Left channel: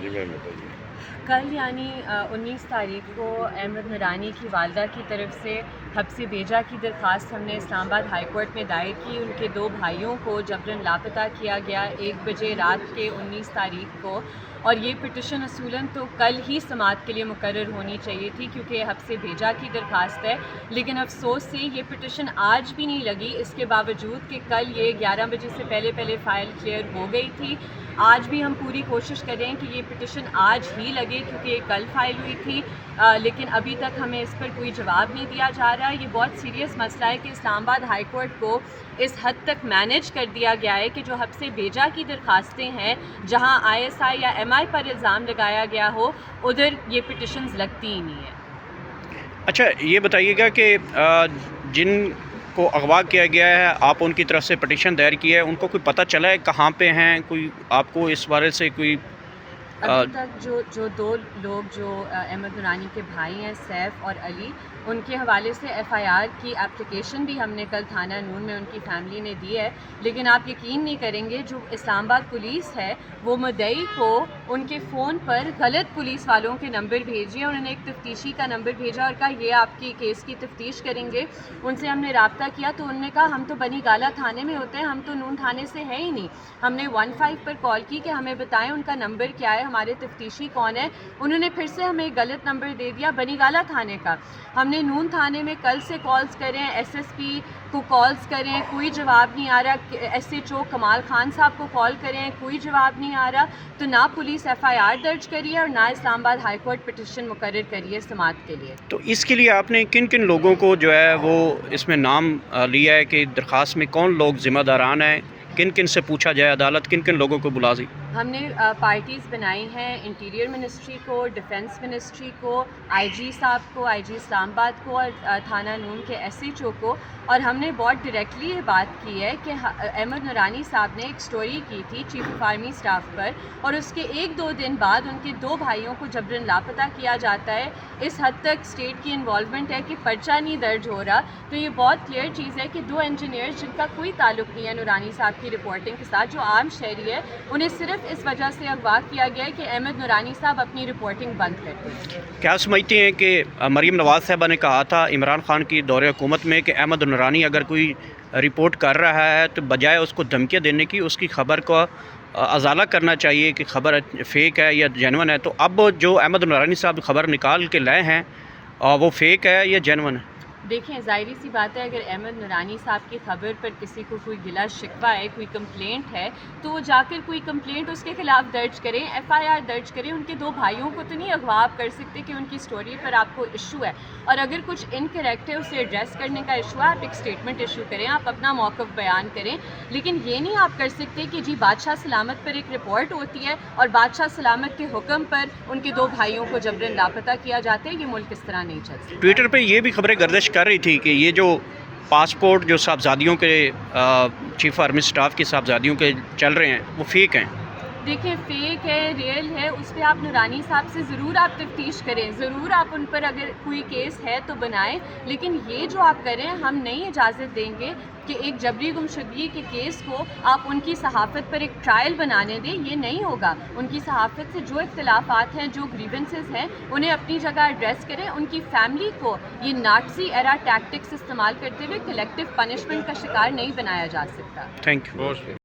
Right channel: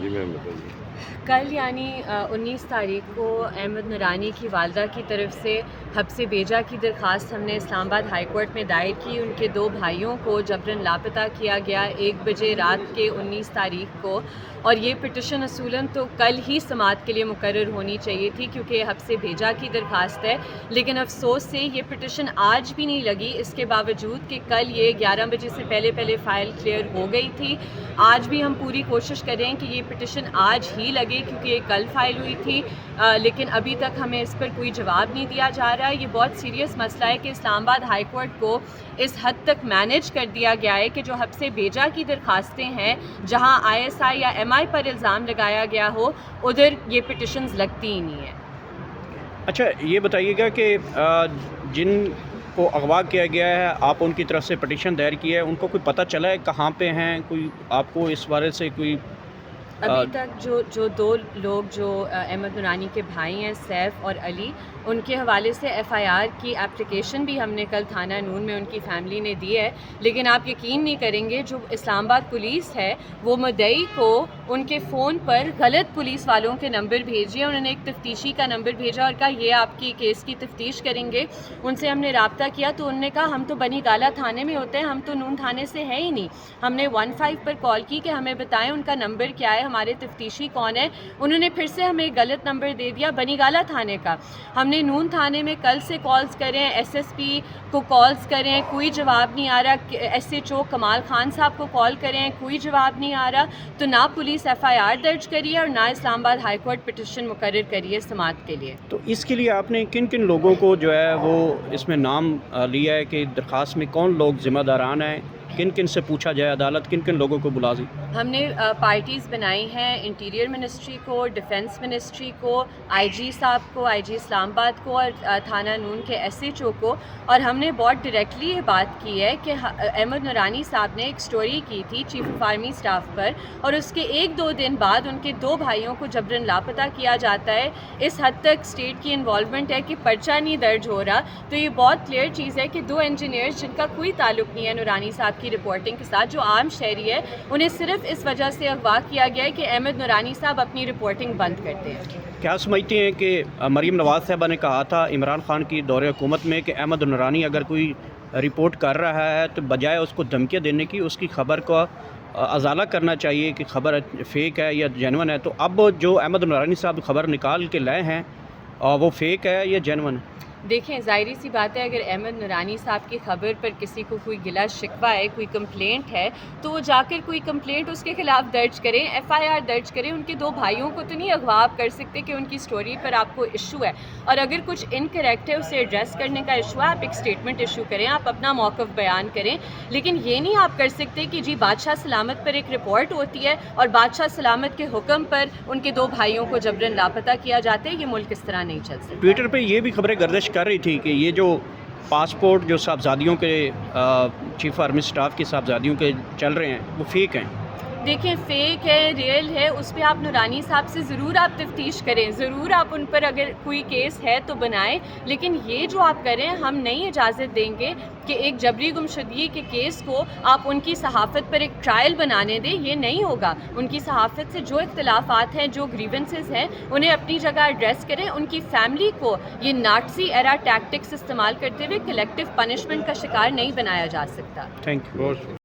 جی میم بتائیے۔ کل یعنی 19 تاریخ کو احمد نورانی کی والدہ کی طرف سے حبس بیجا کی درخواست ہم نے اسلام آباد ہائی کورٹ میں دائر کی۔ ان کے 2 بھائیوں کو جبراً لاپتہ کیا گیا 1 بجے رات کے 19 تاریخ کو، اور یہ پٹیشن اصولاً تو کل ہی سماعت کے لیے مقرر ہونی چاہیے تھی کیونکہ یہ حبس بیجا کی درخواست ہے، لیکن افسوس سے یہ پٹیشن آج بھی نہیں لگی، اس کے باوجود کہ کل یہ 11 بجے سے پہلے فائل کلیئر ہو گئی تھی۔ آج بھی ہم پوری کوشش کر رہے ہیں کہ یہ پٹیشن آج ہی لگے کیونکہ یہ کل فائل ہوئی تھی، لیکن ابھی تک ہمیں اس پر کوئی جواب نہیں دیا جا رہا ہے۔ یہ بہت سیریس مسئلہ ہے کہ اسلام آباد ہائی کورٹ کو اس حد تک مینیج کر دیا گیا ہے کہ جو حبس بیجا کی درخواستیں ہیں، جہاں ISI یا MI پر الزام لگایا گیا ہو، ادھر یہ پٹیشنز لگتی ہی نہیں ہیں۔ اچھا یہ بتائیے گا کہ جن کو اغوا کیا گیا ہے، آپ ان کی طرف سے پٹیشن دائر کی ہے، ان کو کوئی پتہ چلا ہے کہاں پہ ہیں؟ کوئی آپ کو اس بارے سے کوئی ابھی تک جو 2 لوگ جو احمد نورانی کے بھائی ہیں، سیف اور علی، ان کے حوالے سے FIR کی اپلیکیشن بھی ہم نے کل تھانہ نون میں ان کی فیملی نے دی ہے، لیکن آپ یقین نہیں کریں گے جو اسلام آباد پولیس ہے وہ مدعی کو ان کے فون پر غلط پولیس والوں کے نمبر بھیجے، انہوں نے ایک تفتیشی کا نمبر بھیجا اور کہا یہ آپ کی کیس کی تفتیش کریں گے۔ ان سے ہم نے رابطہ کیا تو انہوں نے کہا ہم تو بنی گالہ تھانے میں ہوتے ہیں، ہم تو نون تھانے سے ہیں ہی نہیں۔ ہم نے 15 پر کال کی کہ ہمیں بتائیں ان کا نمبر کیا ہے، ہمارے تفتیشی کون ہے، انہوں نے پھر سے ہمیں غلط نمبر دے دیا بنی گالہ تھانے کا۔ ہم نے نون تھانے میں کل سے کالز کریں، SSP کو کالز کریں، کوئی جواب نہیں آ رہا، SHO کمال خان صاحب کو کال کریں، کوئی جواب نہیں آ رہا، تو نہ پولیس FIR درج کری ہے اور نہ اسلام آباد ہائی کورٹ پٹیشن مقرر کری ہے سماعت کے لیے۔ تو اس کے لیے آپ نے کن کن لوگوں کو جو ہے وہ اس میں نام لیا ہے کہ درخواست میں کون لوگ ذمہ داران ہیں، کن کن سے پوچھا جائے، عدالت کن کن لوگوں کو بلا دی؟ ہم نے پارٹیز بنائی ہیں، انٹیریئر منسٹری کو، ڈیفنس منسٹری کو، IG صاحب کو، IG اسلام آباد کو، اور تھانہ نون کے SHO کو، اور ہم نے بہت ڈائریکٹلی یہ بات کی ہے کہ احمد نورانی صاحب نے ایک سٹوری کی تھی چیف آف آرمی سٹاف پر، اور اس کے 1-2 دن بعد ان کے 2 بھائیوں کو جبراً لاپتہ کیا جاتا ہے۔ اس حد تک اسٹیٹ کی انوالومنٹ ہے کہ پرچہ نہیں درج ہو رہا، تو یہ بہت کلیئر چیز ہے کہ 2 انجینئرز جن کا کوئی تعلق نہیں ہے نورانی صاحب کی رپورٹنگ کے ساتھ، جو عام شہری ہے، انہیں صرف اس وجہ سے اغوا کیا گیا ہے کہ احمد نورانی صاحب اپنی رپورٹنگ بند کرتے ہیں۔ کیا سمجھتے ہیں کہ مریم نواز صاحبہ نے کہا تھا عمران خان کی دور حکومت میں کہ احمد نورانی اگر کوئی رپورٹ کر رہا ہے تو بجائے اس کو دھمکیاں دینے کی اس کی خبر کو ازالہ کرنا چاہیے کہ خبر فیک ہے یا جینون ہے، تو اب جو احمد نورانی صاحب خبر نکال کے لائے ہیں وہ فیک ہے یا جینون ہے؟ دیکھیں ظاہری سی بات ہے، اگر احمد نورانی صاحب کی خبر پر کسی کو کوئی گلا شکوہ ہے، کوئی کمپلینٹ ہے، تو وہ جا کر کوئی کمپلینٹ اس کے خلاف درج کریں، FIR درج کریں۔ ان کے 2 بھائیوں کو تو نہیں اغوا آپ کر سکتے کہ ان کی سٹوری پر آپ کو ایشو ہے، اور اگر کچھ انکریکٹ ہے اسے ایڈریس کرنے کا ایشو ہے، آپ ایک سٹیٹمنٹ ایشو کریں، آپ اپنا موقف بیان کریں، لیکن یہ نہیں آپ کر سکتے کہ جی بادشاہ سلامت پر ایک رپورٹ ہوتی ہے اور بادشاہ سلامت کے حکم پر ان کے 2 بھائیوں کو جبراً لاپتہ کیا جاتا ہے۔ یہ ملک اس طرح نہیں چل سکتا۔ ٹویٹر پہ یہ بھی خبریں گردش کر رہی تھی کہ یہ جو پاسپورٹ جو صاحبزادیوں کے چیف آرمی سٹاف کی صاحبزادیوں کے چل رہے ہیں وہ فیک ہیں۔ دیکھیں فیک ہے، ریئل ہے، اس پہ آپ نورانی صاحب سے ضرور آپ تفتیش کریں، ضرور آپ ان پر اگر کوئی کیس ہے تو بنائیں، لیکن یہ جو آپ کریں ہم نہیں اجازت دیں گے کہ ایک جبری گمشدگی کے کیس کو آپ ان کی صحافت پر ایک ٹرائل بنانے دیں، یہ نہیں ہوگا۔ ان کی صحافت سے جو اختلافات ہیں، جو گریونسز ہیں، انہیں اپنی جگہ ایڈریس کریں۔ ان کی فیملی کو یہ ناٹسی ایرا ٹیکٹکس استعمال کرتے ہوئے کلیکٹیو پنشمنٹ کا شکار نہیں بنایا جا سکتا۔ Thank you.